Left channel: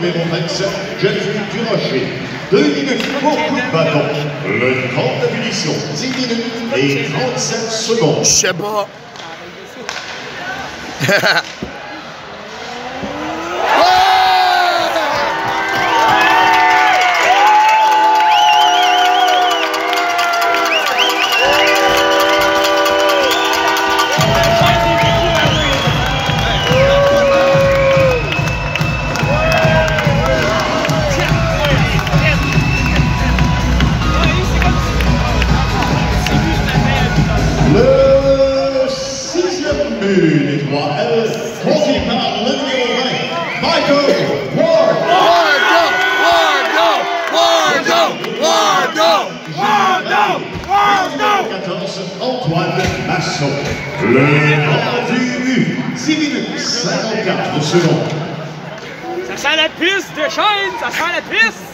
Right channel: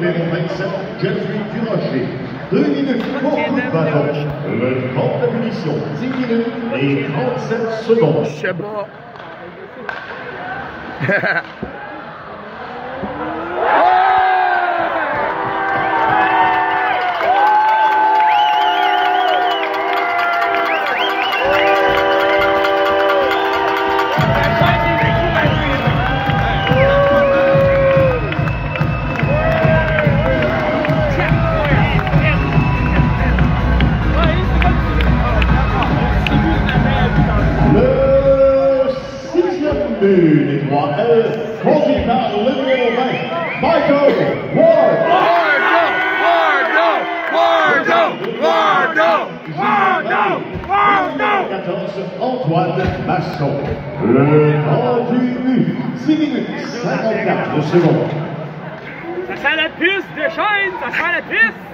numéro 27, Geneviève Durocher. 2 minutes pour coup de bâton. Le temps de punition, 10 minutes et 37 secondes. Je sais pas. Le 6e but des 3L, conduit par le numéro 20, Michael Ward. Numéro 14, Antoine Masson. Le temps du but, 10 minutes 54 secondes. Ça sent la piste de chaîne, ça sent la piste!